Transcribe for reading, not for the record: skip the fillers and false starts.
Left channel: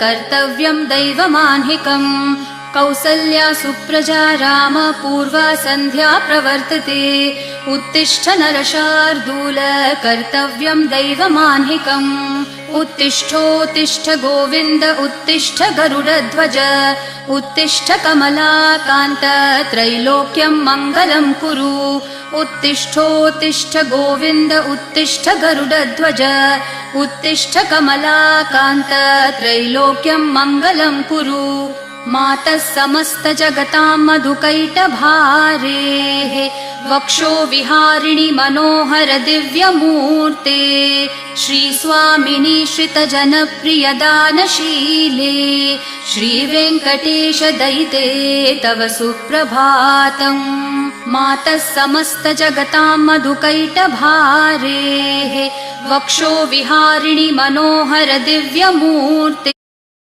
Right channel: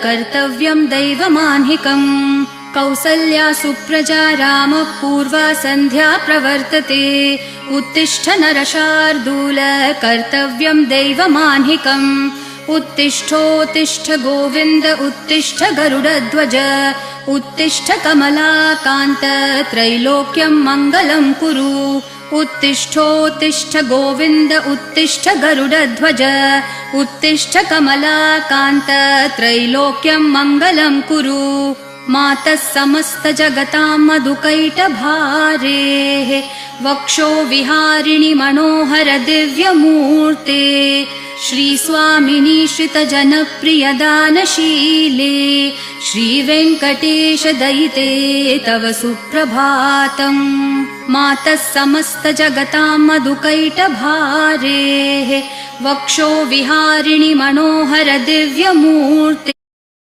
कर्तव्यं दैवमान्हिकम् कौसल्या सुप्रजा राम पूर्वा सन्ध्या प्रवर्तते उत्तिष्ठ नरशार्दूल कर्तव्यं दैवमान्हिकम् उत्तिष्ठोत्तिष्ठ गोविन्द उत्तिष्ठ गरुडध्वज उत्तिष्ठ कमलाकान्त त्रैलोक्यं मङ्गलं कुरु उत्तिष्ठोत्तिष्ठ गोविन्द उत्तिष्ठ गरुडध्वज उत्तिष्ठ कमलाकान्त त्रैलोक्यं मङ्गलं कुरु मातः समस्त जगतां मधुकैटभारेः वक्षो विहारिणि मनोहर दिव्यमूर्ते श्रीस्वामिनि श्रितजनप्रिय दानशीले श्रीवेङ्कटेश दयिते तव सुप्रभातम् मातः समस्त जगतां मधुकैटभारेः वक्षो विहारिणि मनोहर दिव्यमूर्ते